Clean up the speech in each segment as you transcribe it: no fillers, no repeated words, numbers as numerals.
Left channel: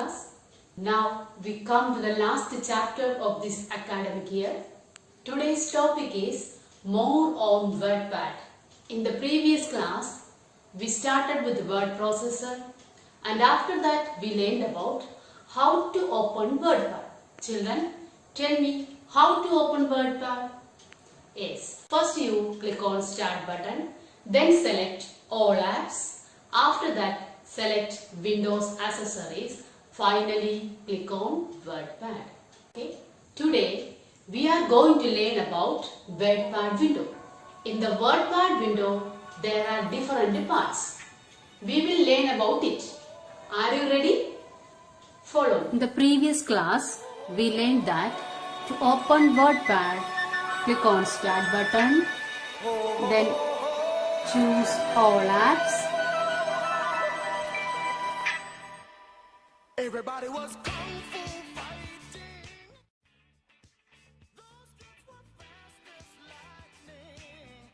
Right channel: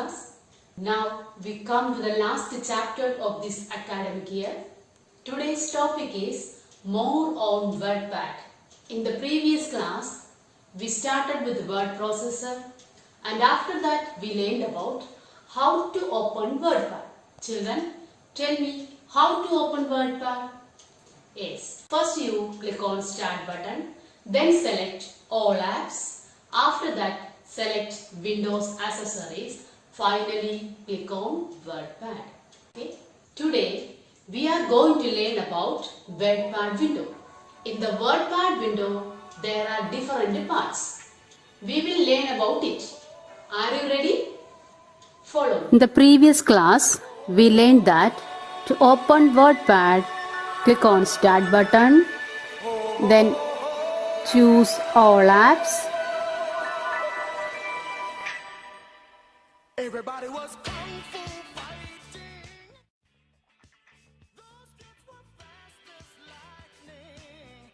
class. Now we come to the last chapter of this academic year. Today's topic is more on WordPad. In the previous class, we started with the word processor and after that we learned about how to open WordPad. Children, tell me how to open WordPad. Yes, first you click on Start button, then select All Apps. After that, select Windows Accessories. Finally, click on WordPad. Okay. Today, we are going to learn about WordPad window. In the WordPad window, there are different parts. We will learn about it. Are you ready? Follow. In the previous class, we learned that to open WordPad, click on Start button, then choose All Apps. Everybody was kung fu fighting. Those kids were fast as lightning.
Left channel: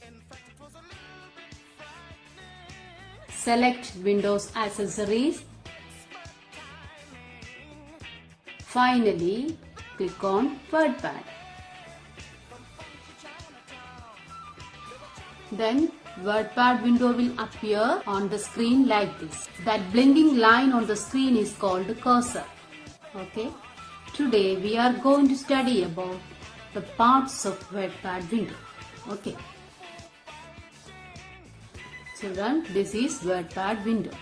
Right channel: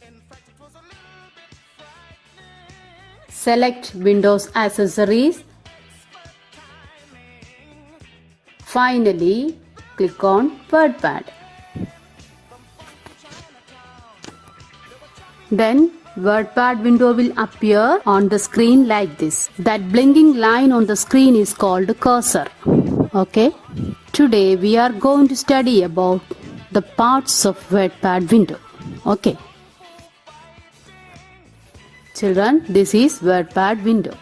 In fact, it was a little bit frightening. Select Windows Accessories. Finally, click on WordPad. Then WordPad window will appear on the screen like this. That blinking line on the screen is called cursor. Okay. Today we are going to study about the parts of WordPad window. Okay. Children, this is WordPad window.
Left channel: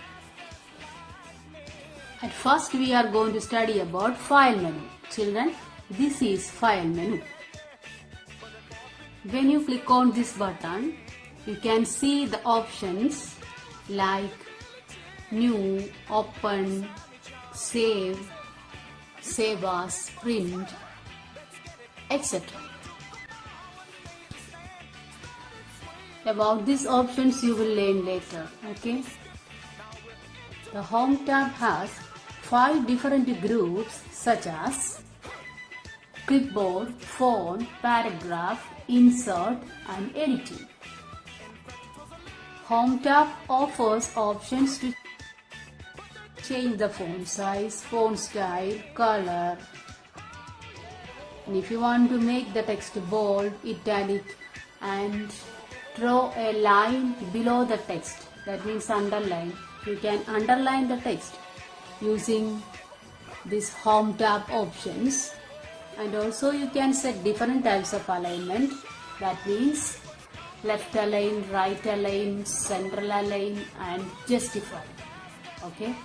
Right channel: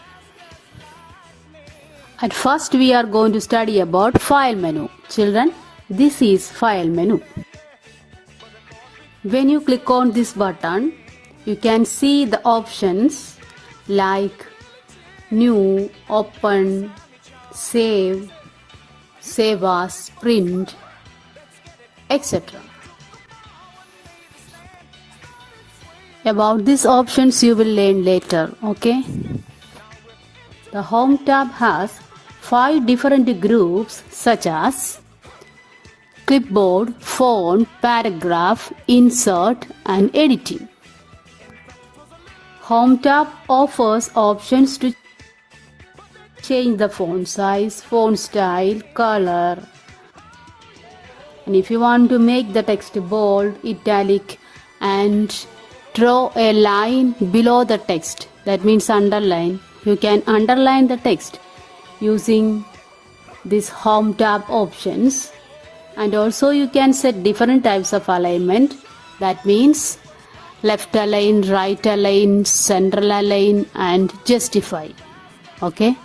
At first we are going to study about file menu. Children, this is file menu. When you click on this button, you can see the options like new, open, save, save as, print, etc. About these options you will learn later, okay? The Home tab has 5 different groups such as clipboard, font, paragraph, insert and editing. Home tab offers options to change the font size, font style, color. And if you want to make the text bold, italic and draw a line below the text, that means underline, you can underline the text using this Home tab options. And also you can set different types of alignment, that means left align, right align, central align and justify. Okay.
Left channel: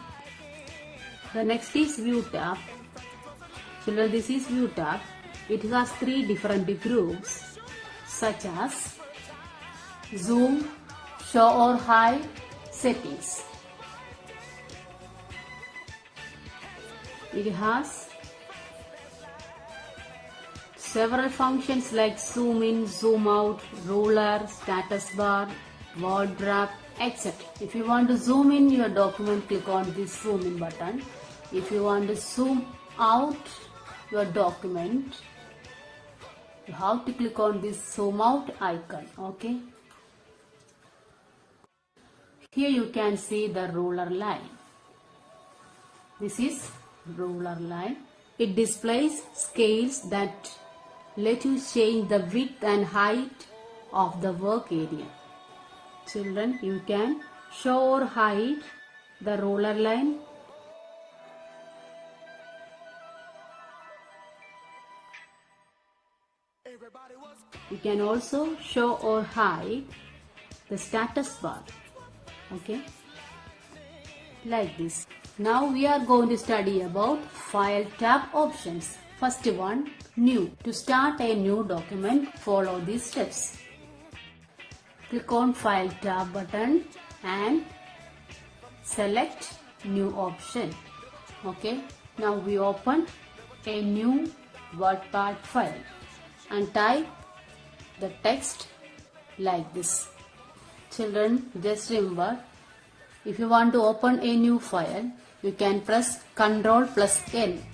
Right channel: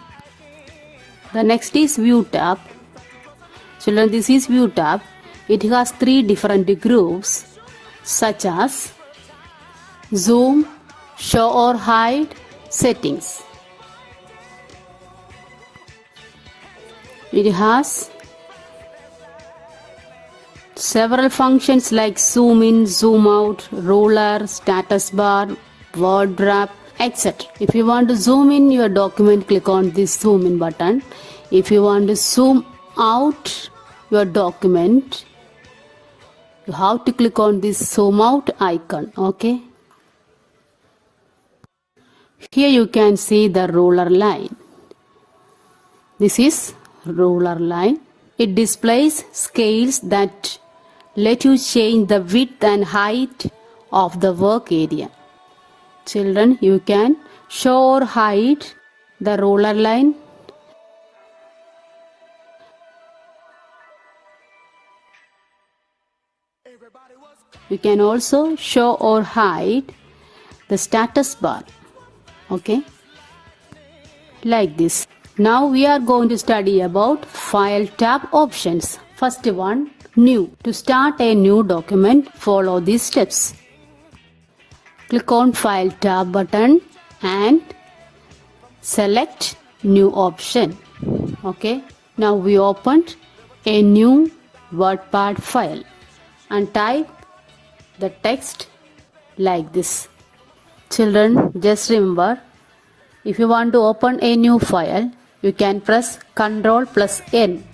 The next is View tab. Children, this is View tab. It has 3 different groups such as zoom, show or hide, settings. It has several functions like zoom in, zoom out, ruler, status bar, word wrap, etc. If you want to zoom in your document, click on this zoom in button. If you want to zoom out your document, you have to click on this zoom out icon. Okay. Here you can see the ruler line. This is ruler line. It displays scales that let you change the width and height of the work area. Children, you can show or hide the ruler line. You can also show or hide the status bar. Okay, like this. Now we are going to study about File tab options. First one, New. To start a new document, follow these steps. Click on File tab button and select New option. Okay. Now we opened a new WordPad file and type the text like this. Children, just remember, if you want to open a new file, you can press Ctrl plus N.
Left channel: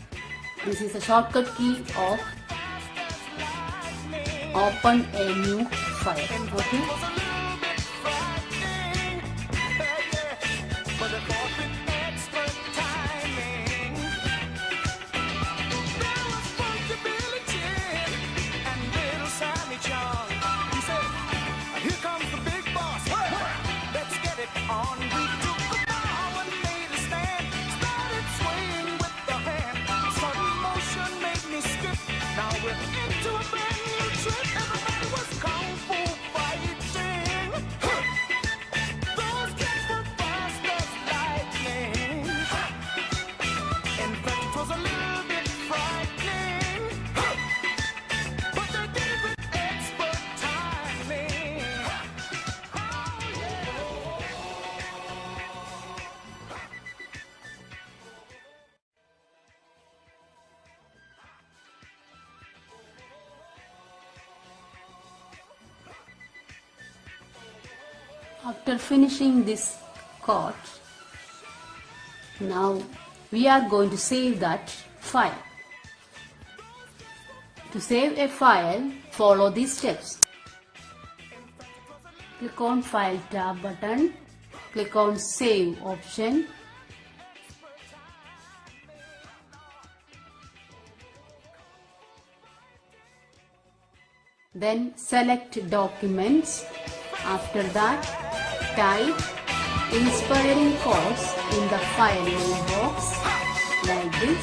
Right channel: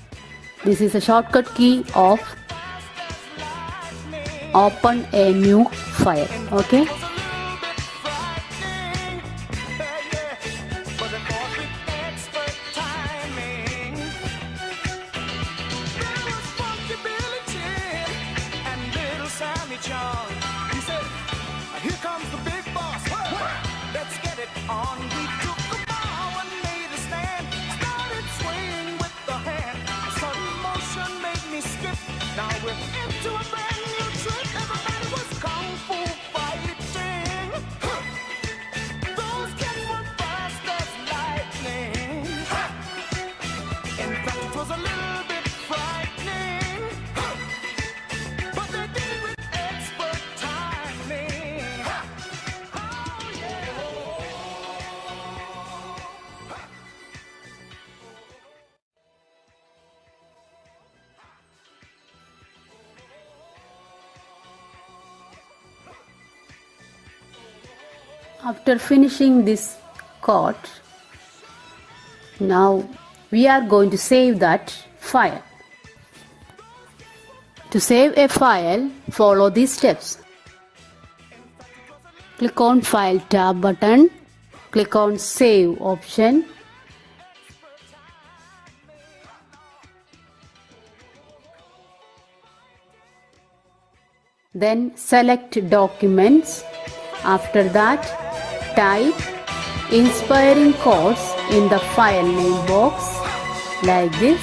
This is a shortcut key of open a new file. Okay. But After finishing this code, now we are going to save that file. To save a file, follow these steps. Click on File tab button, click on Save option. Then select Documents. After that, type inspiring quotes in the file name box like this.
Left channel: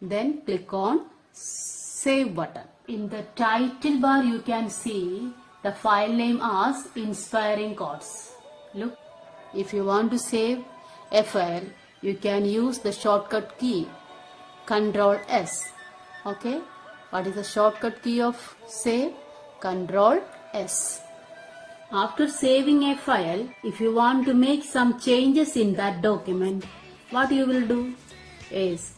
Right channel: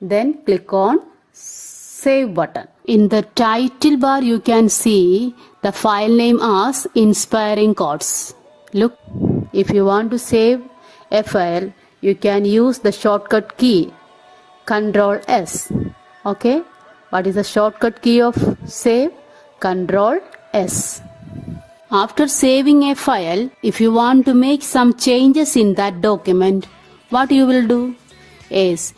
Then click on Save button. In the title bar you can see the file name as Inspiring Quotes. Look, if you want to save a file, you can use the shortcut key Ctrl S. Okay, what is the shortcut key of save? Ctrl S. After saving a file, if you want to make some changes in that document, what you will do is,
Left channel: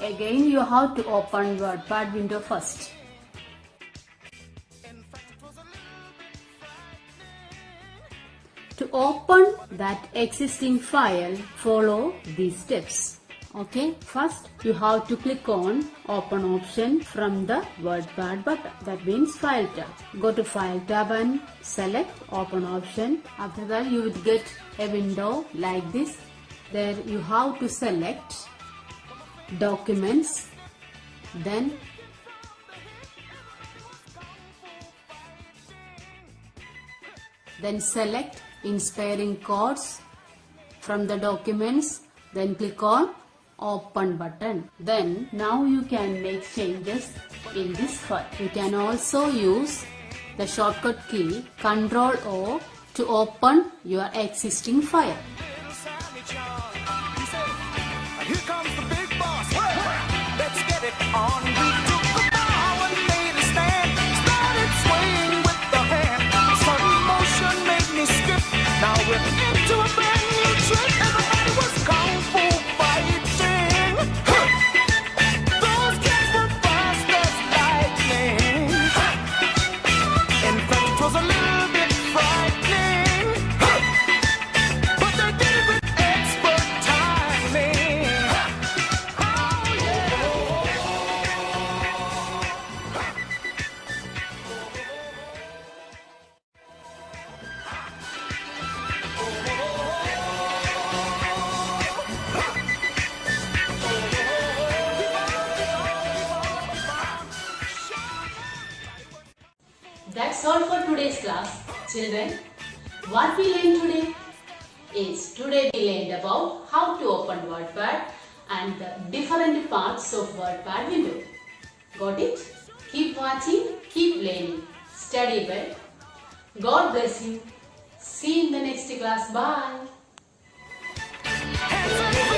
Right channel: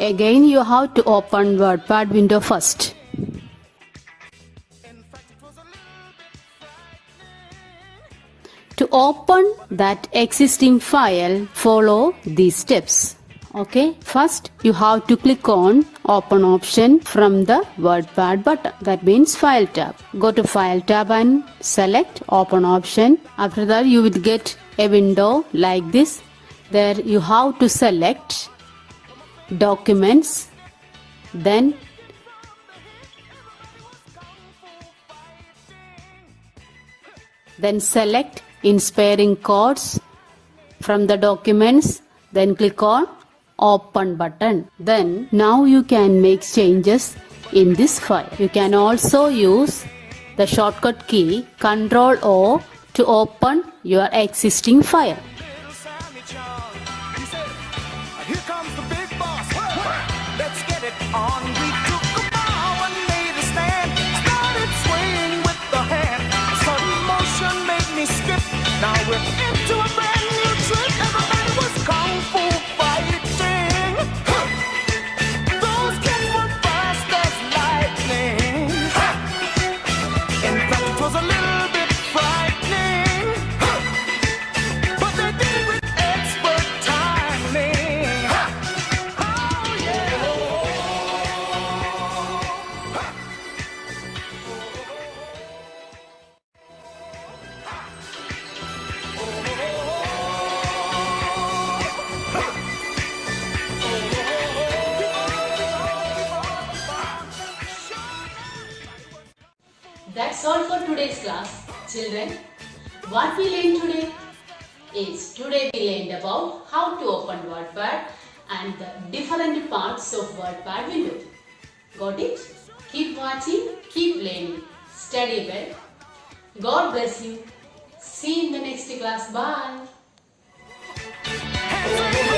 again you have to open WordPad window first. To open that existing file, follow these steps. Okay, first you have to click on Open option from the WordPad button. That means File tab. Go to File tab and select Open option. After that you will get a window like this. There you have to select Documents, then select Inspiring Quotes from the Documents, then click on Open button. Then now you can make changes in this file. You can also use the shortcut key Ctrl O to open your existing file. Here comes the big boss. Let's get it on. We took a bow and made a stand. Started swaying with the hand. Sudden motion made me skip. Now we're into a brand new trip. Everybody was kung fu fighting. Those kids were fast as lightning. In fact, it was a little bit frightening. But they did it with expert timing. That's all for today's class. Children, what we learned today is, today we learned about how to open WordPad and the different parts of WordPad window. Got it? Keep watching, keep learning. Study well. God bless you. See you in the next class. Bye. Hands up.